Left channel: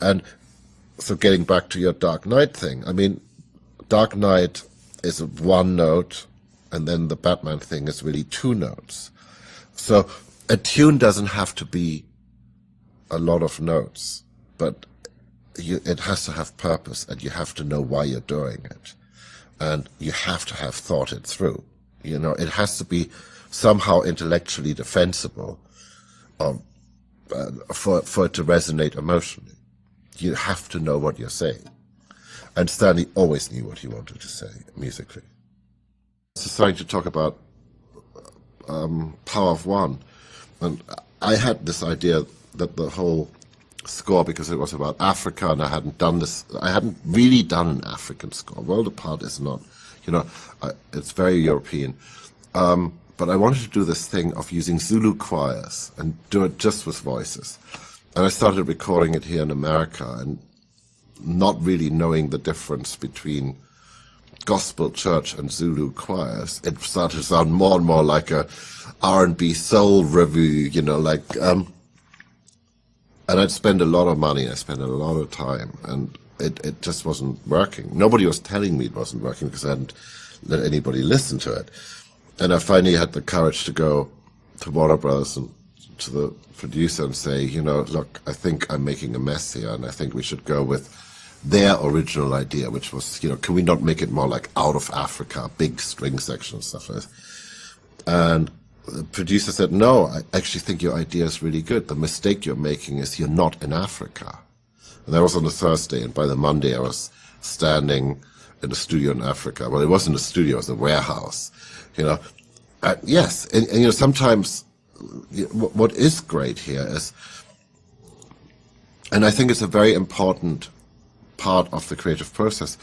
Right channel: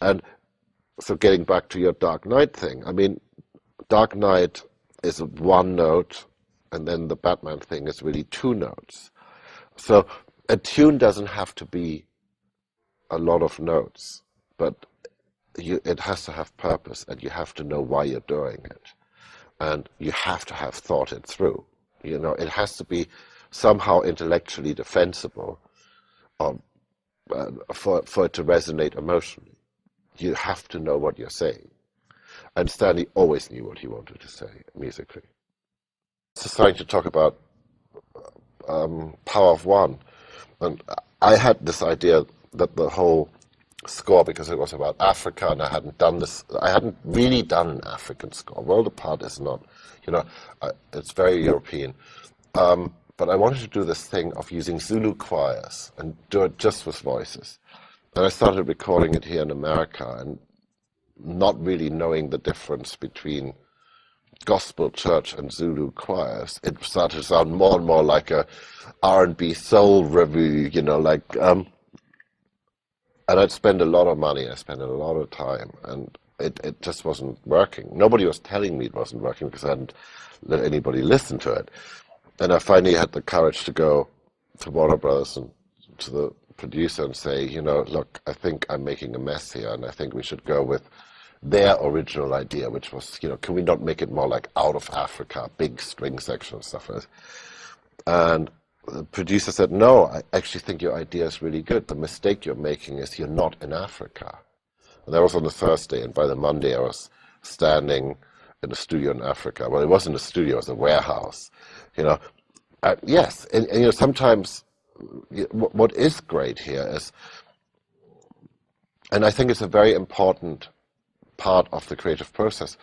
And so getting back to your Dark Knight thing, I mean, Dark Knight is one note, and then the Batman thing is really two notes. So a tune doesn't have to be a lot of notes, but it has to have purpose, and you have to know why you're doing it. And you have to have thought it through. You know, it has to be somehow intellectually defensible for it to resonate emotionally. You have to know what you're saying. And Stanley always knew what he wanted to say musically. So starting to talk about Power of One, and I had this idea that the whole score, because it was about Africa, and I hadn't really done an African score. World Apart is not, you know, it's very European. But I wanted to do this thing of using Zulu choirs and do it just with voices. And I started recording it here in America and not really knowing the difference between gospel church and Zulu choirs. It started to sound more and more like a R&B soul revue, you know, like, and I'd spend a lot of money, I spent a lot of time, and it just wasn't working. Nobody was telling me it wasn't working because I hadn't let anybody listen to it. And I finally had the courage to go to Warner Brothers and to the producer and say, you know, look, I think I'm making a mess here, and I think we should go with their original idea, which was, you know, can we not make it more like Out of Africa, big string section and stuff like that? And the producer said, no, I actually think your idea is really good. The mistake you're making is you're not in Africa. And that was on a Thursday, and by the Monday I was standing in a studio in Africa. Well, it wasn't a studio, it was a warehouse, you know. Yes, and you know, sometimes what is great here is, and I think it's a very important part of the creative process,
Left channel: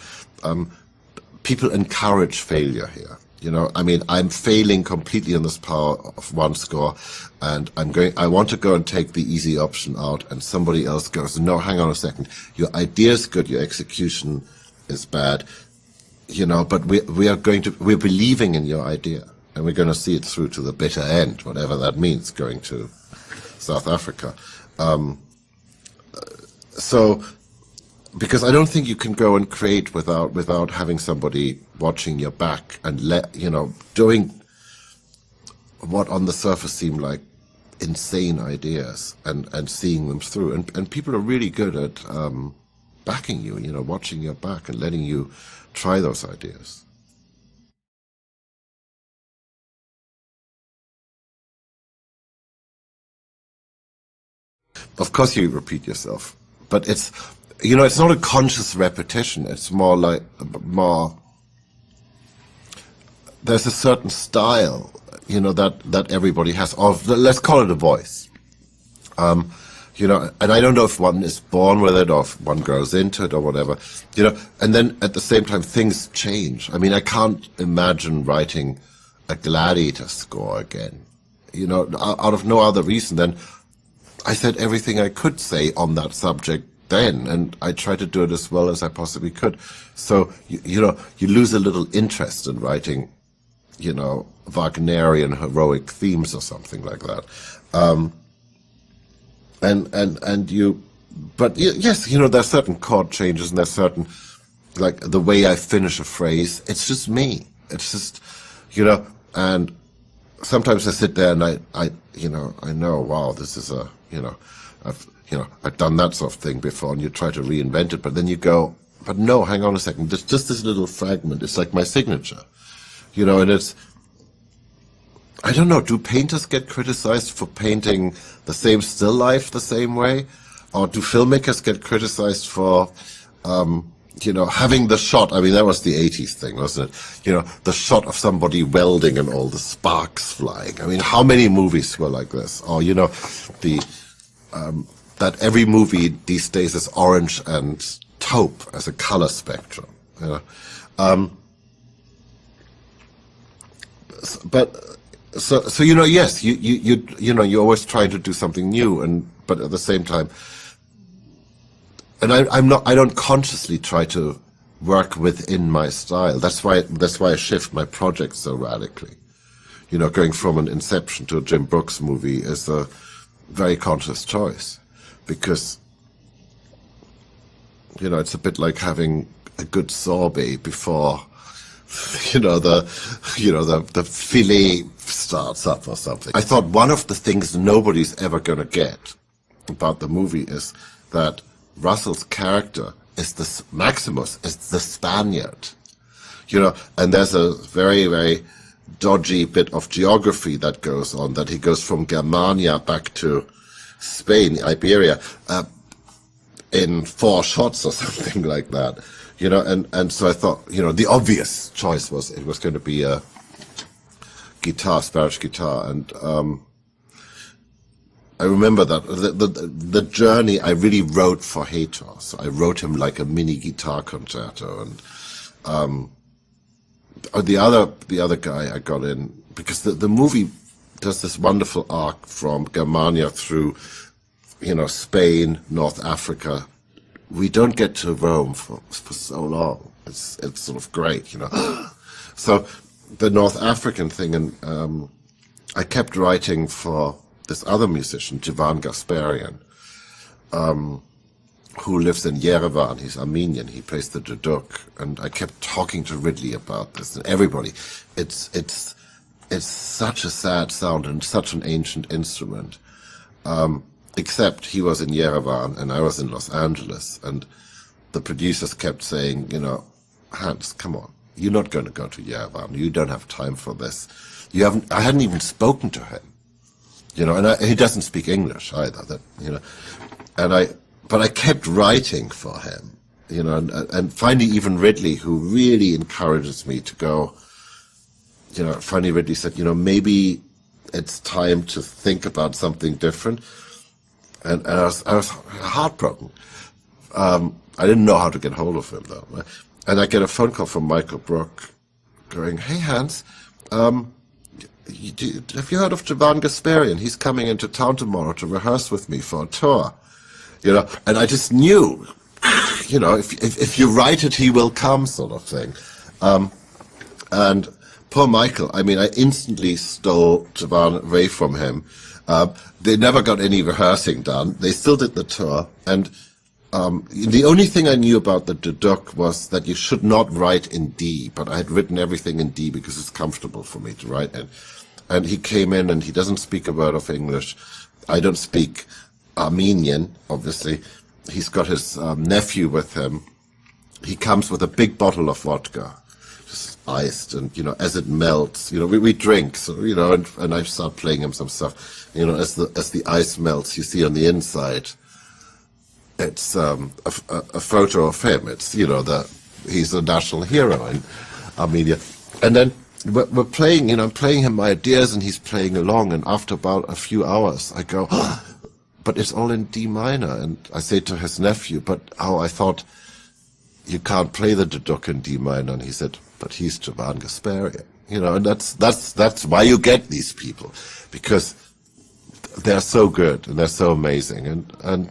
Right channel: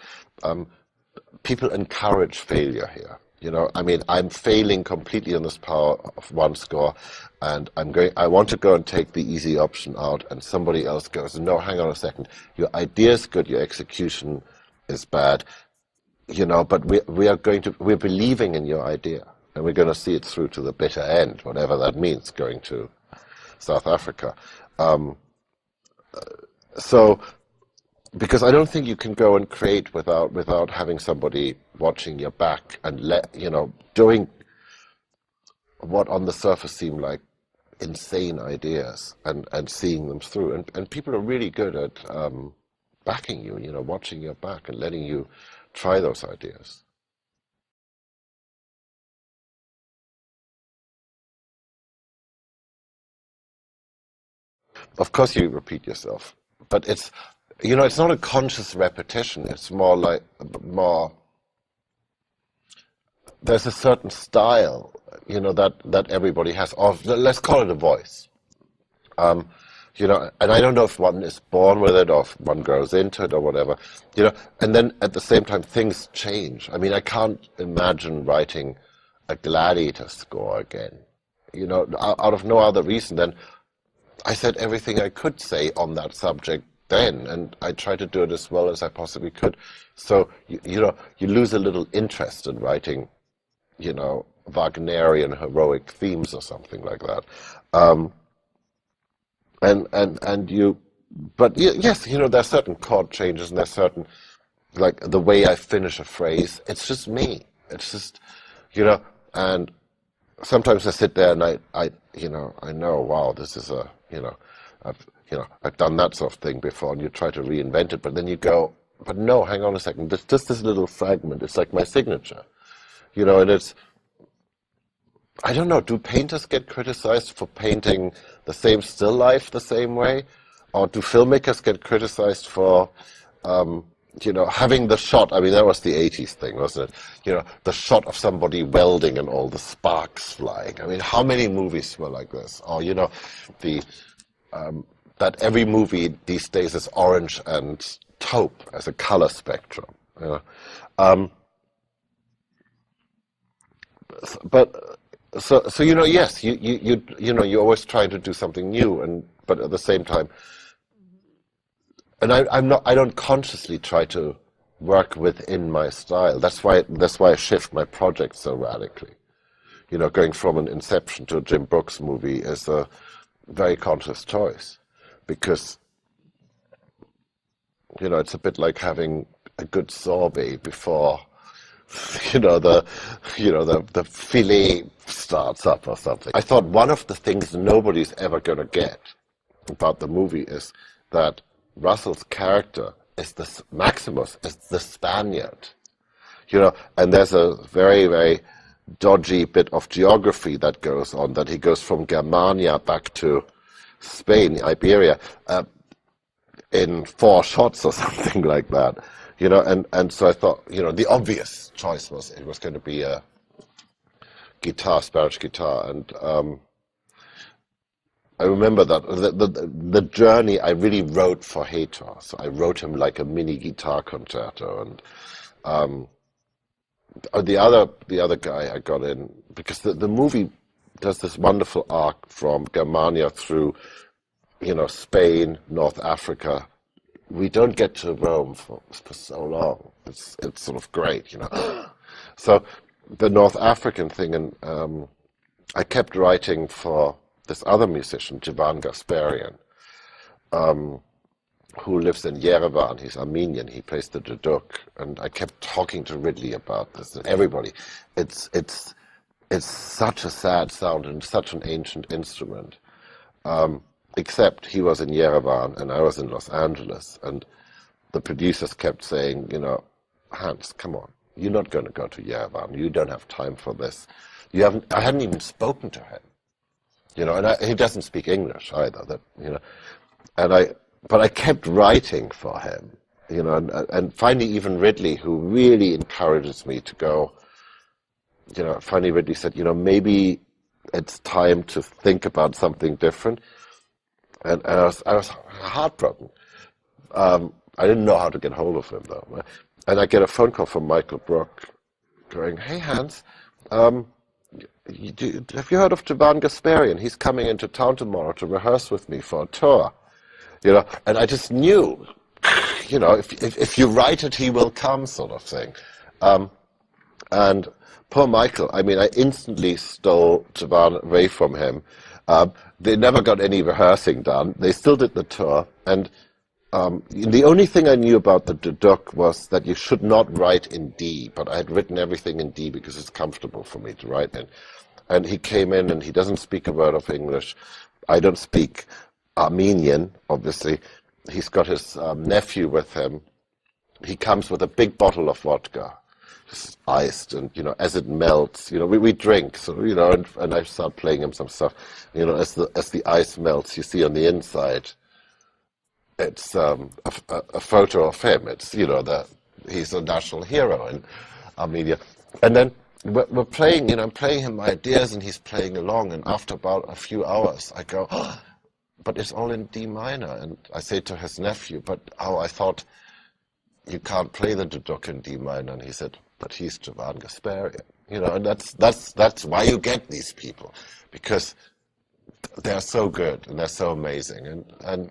people encourage failure here. You know, I mean, I'm failing completely on this Power of One score, and I want to go and take the easy option out, and somebody else goes, no, hang on a second, your idea is good, your execution is bad, you know, but we're believing in your idea, and we're going to see it through to the bitter end, whatever that means, going to South Africa. So, because I don't think you can go and create without having somebody watching your back and doing what on the surface seem like insane ideas and seeing them through. And people are really good at backing you, you know, watching your back and letting you try those ideas. Of course you repeat yourself, but it's, you know, it's not a conscious repetition. It's more like, there's a certain style, you know, that everybody has, of, let's call it a voice. You know, and I don't know if one is born with it or if one grows into it or whatever, you know, and then at the same time things change. I mean, I can't imagine writing a Gladiator score again, you know, out of no other reason than I said everything I could say on that subject then, and I tried to do it as well as I possibly could. So, you know, you lose a little interest in writing, you know, Wagnerian heroic themes or something like that. But yes, you know, there's certain chord changes and there's certain, like the way I finish a phrase, it's just me. It's just, you know, and sometimes I sit there and I know, wow, this is a, you know, I've done that sort of thing before, and you try to reinvent it, but then you go, but no, hang on a second, there's just this little fragment, it's like my signature, you know, and it's, I don't know, do painters get criticized for painting the same still life the same way? Or do filmmakers get criticized for, you know, having the shot, I mean, that was the 80s thing, wasn't it? You know, the shot of somebody welding and all the sparks flying. I mean, how many movies were like this? Or, you know, that every movie these days is orange and taupe as a color spectrum. You know? So you know, yes, you know, you're always trying to do something new, but at the same time, and I don't consciously try to work within my style. That's why I shift my projects so radically. You know, going from an Inception to a Jim Brooks movie is a very conscious choice, because it's a bit like having a good sorbet before, the filet starts up or something. I thought one of the things nobody's ever going to get about the movie is that Russell's character is Maximus is the Spaniard, and there's a very, very dodgy bit of geography that goes on, that he goes from Germania back to Spain, Iberia, in 4 shots or something like that, and so I thought, the obvious choice was it was going to be a Spanish guitar, and I remember that the journey I really wrote for Hator, so I wrote him like a mini guitar concerto, and the other guy I got in, because the movie does this wonderful arc from Germania through, Spain, North Africa. We don't get to Rome for so long. It's sort of great, So the North African thing, and I kept writing for this other musician, Jivan Gasparian, who lives in Yerevan. He's Armenian. He plays the duduk, and I kept talking to Ridley about this and everybody. It's such a sad sound and such an ancient instrument. Except he was in Yerevan and I was in Los Angeles, and the producers kept saying, Hans, come on, you're not going to go to Yerevan. You don't have time for this. I hadn't even spoken to him, and he doesn't speak English either. But I kept writing for him, and finally even Ridley, who really encourages me to go, finally Ridley said, maybe it's time to think about something different. And I was heartbroken. I didn't know how to get hold of him, though. And I get a phone call from Michael Brook going, "Hey, Hans, have you heard of Jivan Gasparian? He's coming into town tomorrow to rehearse with me for a tour." And I just knew, if you write it, he will come, sort of thing. And poor Michael, I instantly stole Jivan away from him. They never got any rehearsing done. They still did the tour. And the only thing I knew about the duduk was that you should not write in D, but I had written everything in D because it's comfortable for me to write in. And he came in and he doesn't speak a word of English. I don't speak Armenian, obviously. He's got his nephew with him. He comes with a big bottle of vodka, just iced, and as it melts, we drink, so and I start playing him some stuff. As the ice melts, you see on the inside, it's a photo of him. It's he's a national hero in Armenia, and then we're playing. I'm playing him my ideas, and he's playing along. And after about a few hours, I go, "Oh, but it's all in D minor." And I say to his nephew, "But I thought you can't play the duduk in D minor." And he said, "But he's Jivan Gasparian." And that's why you get these people, because they're so good and they're so amazing. And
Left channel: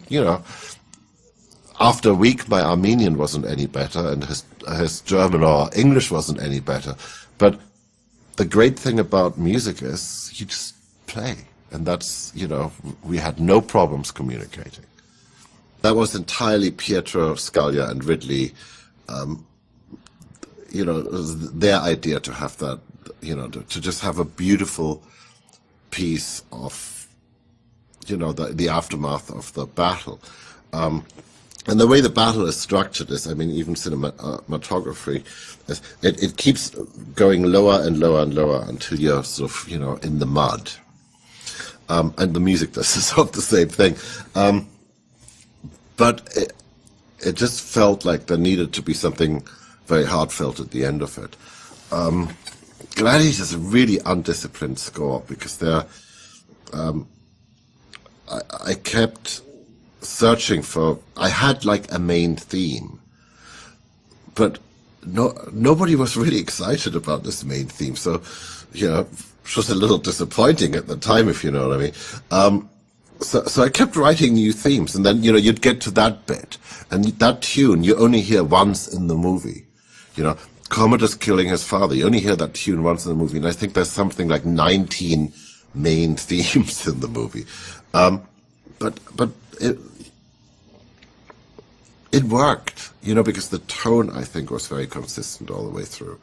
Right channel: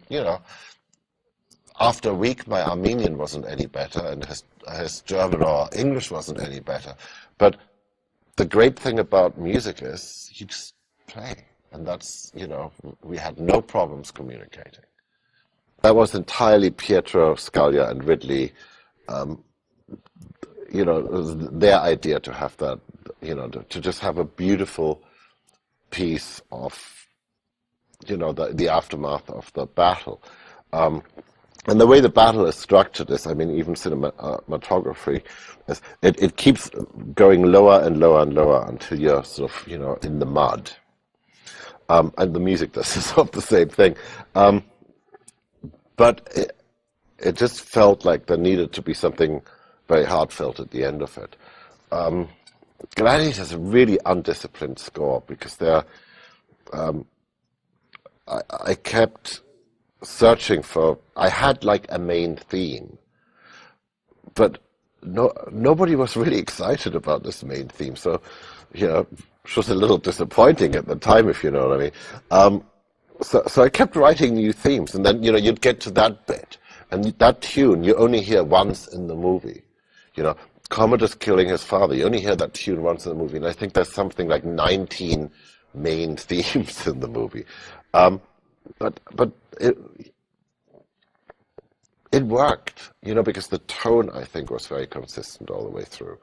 after a week, my Armenian wasn't any better, and his German or English wasn't any better. But the great thing about music is you just play. And that's, we had no problems communicating. That was entirely Pietro Scalia and Ridley, it was their idea to have that, to just have a beautiful piece of, the aftermath of the battle. And the way the battle is structured is, even cinematography, it keeps going lower and lower and lower until you're sort of, in the mud. And the music does sort of the same thing. But it just felt like there needed to be something very heartfelt at the end of it. Gladiator is a really undisciplined score, because I kept searching for, I had like a main theme, but nobody was really excited about this main theme, so it was a little disappointing at the time, if you know what I mean. So I kept writing new themes, and then you'd get to that bit, and that tune you only hear once in the movie. Commodus killing his father, you only hear that tune once in the movie, and I think there's something like 19 main themes in the movie. But it worked, because the tone, I think, was very consistent all the way through.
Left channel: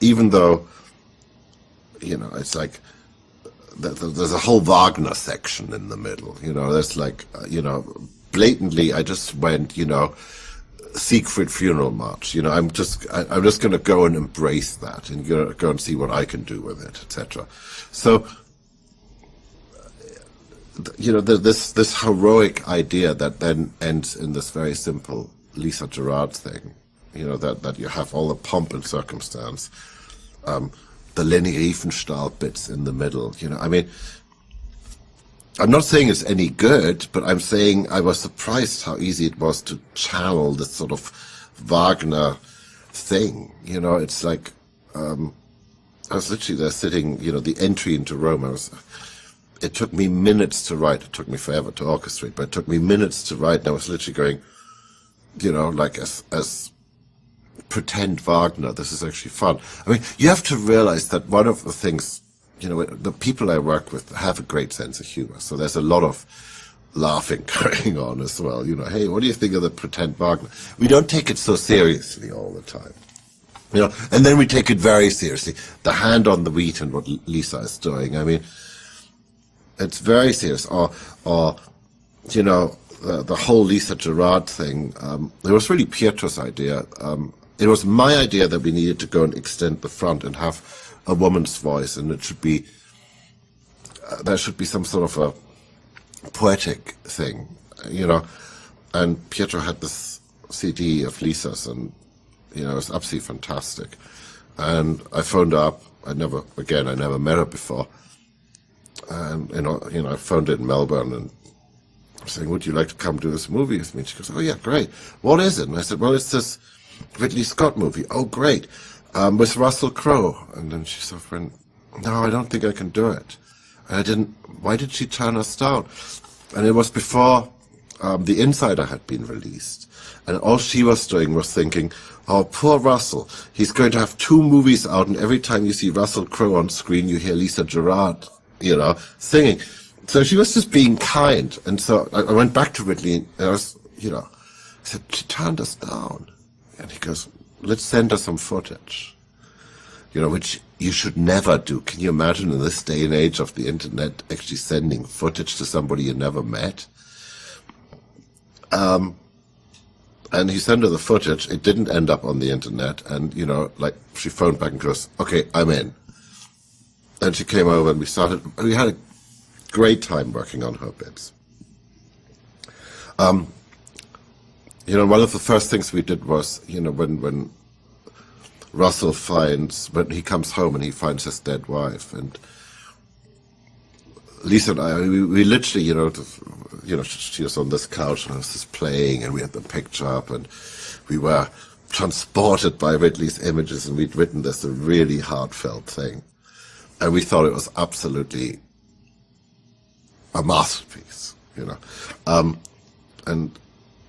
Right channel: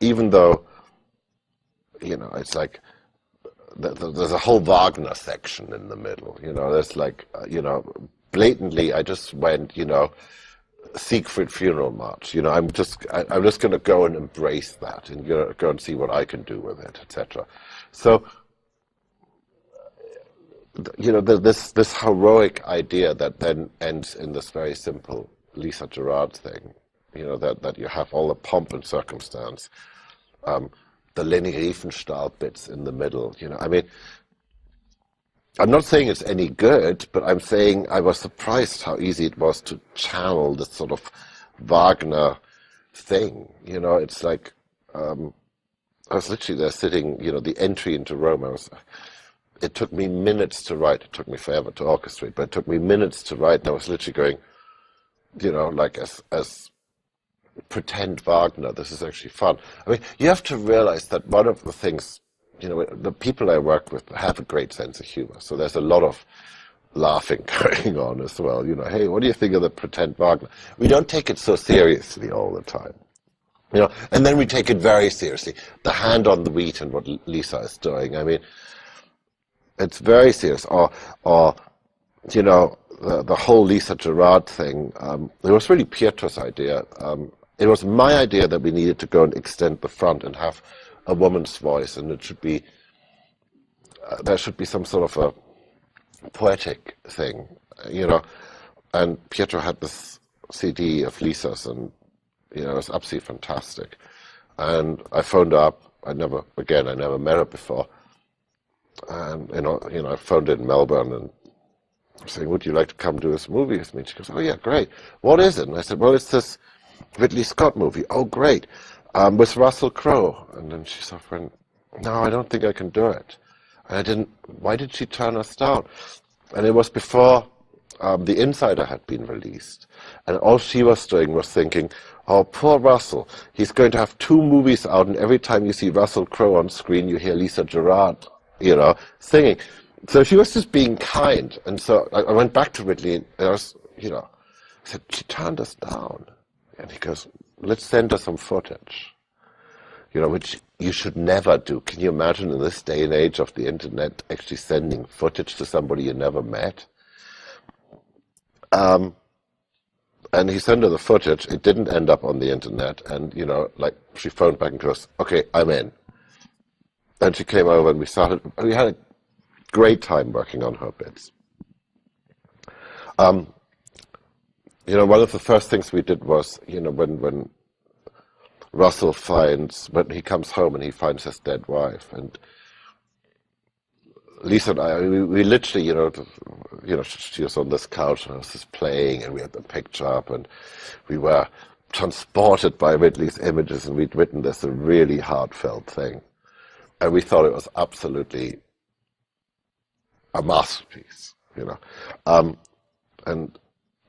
Even though, it's like there's a whole Wagner section in the middle. There's like, blatantly, I just went, Siegfried Funeral March. I'm just going to go and embrace that and go and see what I can do with it, etc. So, this heroic idea that then ends in this very simple Lisa Gerrard thing, that you have all the pomp and circumstance, the Leni Riefenstahl bits in the middle. I mean, I'm not saying it's any good, but I'm saying I was surprised how easy it was to channel this sort of Wagner thing. It's like, I was literally there sitting, the entry into Rome, it took me minutes to write. It took me forever to orchestrate, but it took me minutes to write, and I was literally going, like as pretend Wagner, this is actually fun. I mean, you have to realize that one of the things, the people I work with have a great sense of humor, so there's a lot of laughing going on as well. Hey, what do you think of the pretend Wagner? We don't take it so seriously all the time. And then we take it very seriously. The hand on the wheat and what Lisa is doing. I mean, it's very serious. Or the whole Lisa Gerrard thing. It was really Pietro's idea. It was my idea that we needed to go and extend the front and have a woman's voice, and it should be there should be some sort of a poetic thing, And Pietro had this CD of Lisa's, and it was absolutely fantastic. And I phoned her up. I never met her before. And I phoned in Melbourne and saying, "Would you like to come do this movie with me?" She goes, "Oh yeah, great. What is it?" And I said, "Well, it's this Ridley Scott movie." "Oh, great. With Russell Crowe." And then she sort of went, "No, I don't think I can do it." And I didn't. Why did she turn us down? And it was before The Insider had been released, and all she was doing was thinking, "Oh, poor Russell. He's going to have 2 movies out, and every time you see Russell Crowe on screen, you hear Lisa Gerrard, singing." So she was just being kind. And so I went back to Ridley, and I was, I said, "She turned us down." And he goes, "Let's send her some footage," which you should never do. Can you imagine in this day and age of the internet actually sending footage to somebody you never met? And he sent her the footage. It didn't end up on the internet. And, she phoned back and goes, "Okay, I'm in." And she came over and we had a great time working on her bits. One of the first things we did was, when Russell when he comes home and he finds his dead wife, and Lisa and I, we literally, she was on this couch and I was just playing, and we had the picture up, and we were transported by Ridley's images, and we'd written this a really heartfelt thing. And we thought it was absolutely a masterpiece, And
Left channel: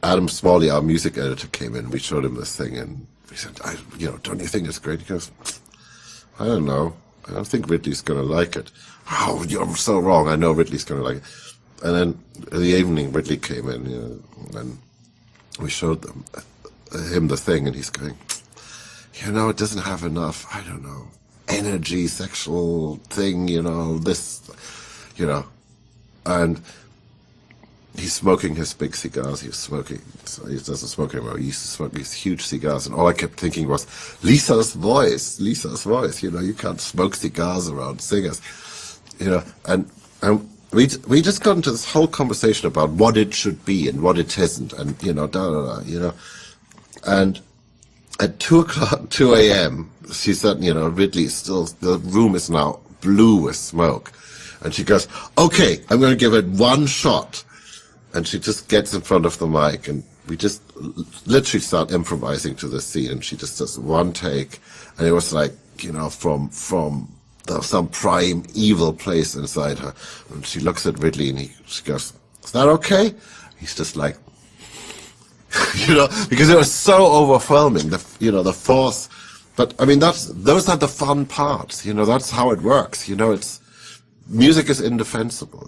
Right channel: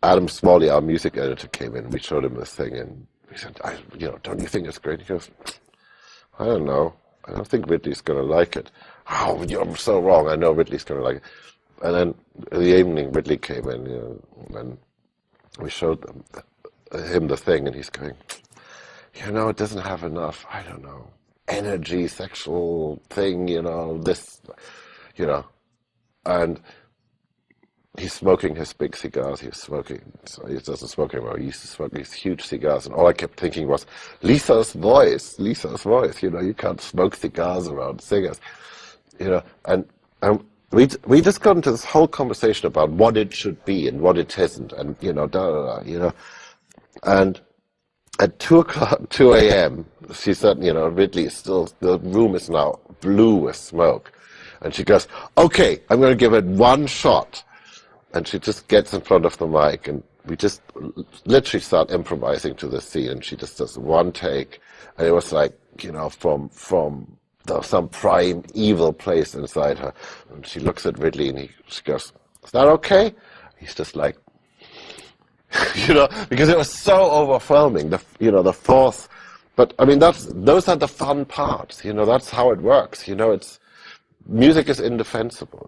Adam Smalley, our music editor, came in. We showed him this thing, and we said, "Don't you think it's great?" He goes, "I don't know. I don't think Ridley's going to like it." "Oh, you're so wrong. I know Ridley's going to like it." And then in the evening, Ridley came in, and we showed him the thing, and he's going, "It doesn't have enough, I don't know, energy, sexual thing, this, and he's smoking his big cigars. He doesn't smoke anymore. He used to smoke these huge cigars, and all I kept thinking was, Lisa's voice. You can't smoke cigars around singers, and we just got into this whole conversation about what it should be and what it isn't, and and at 2 a.m., she said, Ridley is still, the room is now blue with smoke. And she goes, "Okay, I'm going to give it one shot." And she just gets in front of the mic, and we just literally start improvising to the scene, and she just does one take. And it was like, from some prime evil place inside her. And she looks at Ridley, and she goes, "Is that okay?" He's just like, because it was so overwhelming, the force. But I mean, those are the fun parts, that's how it works, music is indefensible.